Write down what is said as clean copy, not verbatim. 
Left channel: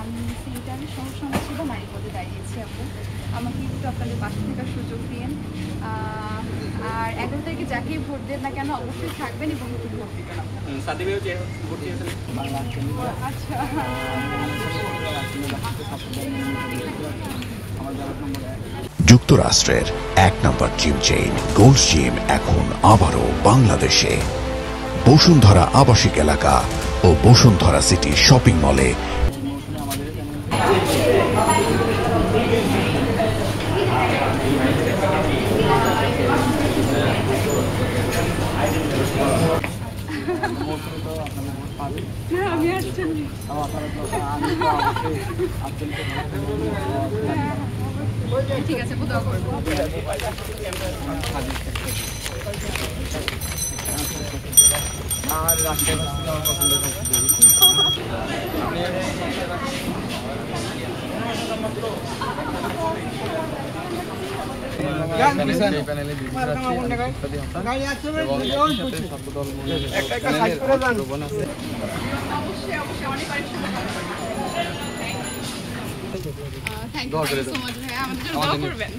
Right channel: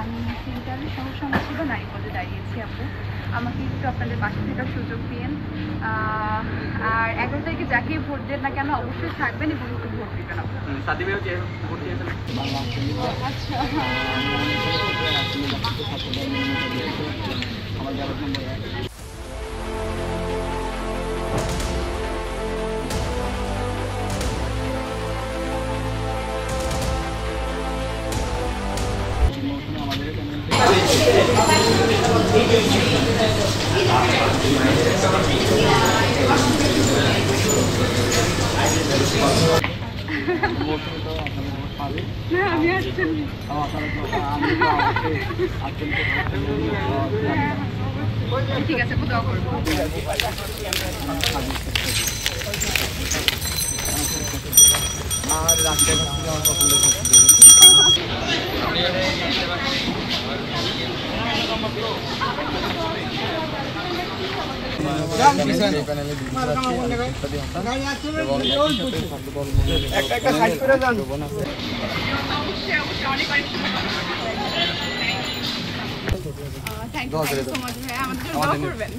আমি সেন্টারের সহ সমাজসেবা নারী পদে দাঁড়িয়েছি আপু। আমাকে একটু আপনাদের পাশে থাকার সুযোগ দিন। আর 11 তারিখে যাকে ভোট দেন না কেন অবশ্যই থাকবেন এবং একটু ভোট দিবেন আপু। আচ্ছা, যুক্তরাষ্ট্রের 1 নম্বর জিম চেইন গোল্ড জিম এখন আবারও বাংলাদেশে। বসুন্ধরা আবাসিক এলাকা ও বসুন্ধরা সিটি শপিং মলে। আমি আসছেন ঠিক আছে, দোয়া করবো। আর রাস্তায় পছন্দের থ্যাংক ইউ সো মাচ ভাইয়া, আমাদের জন্য দোয়া করবেন।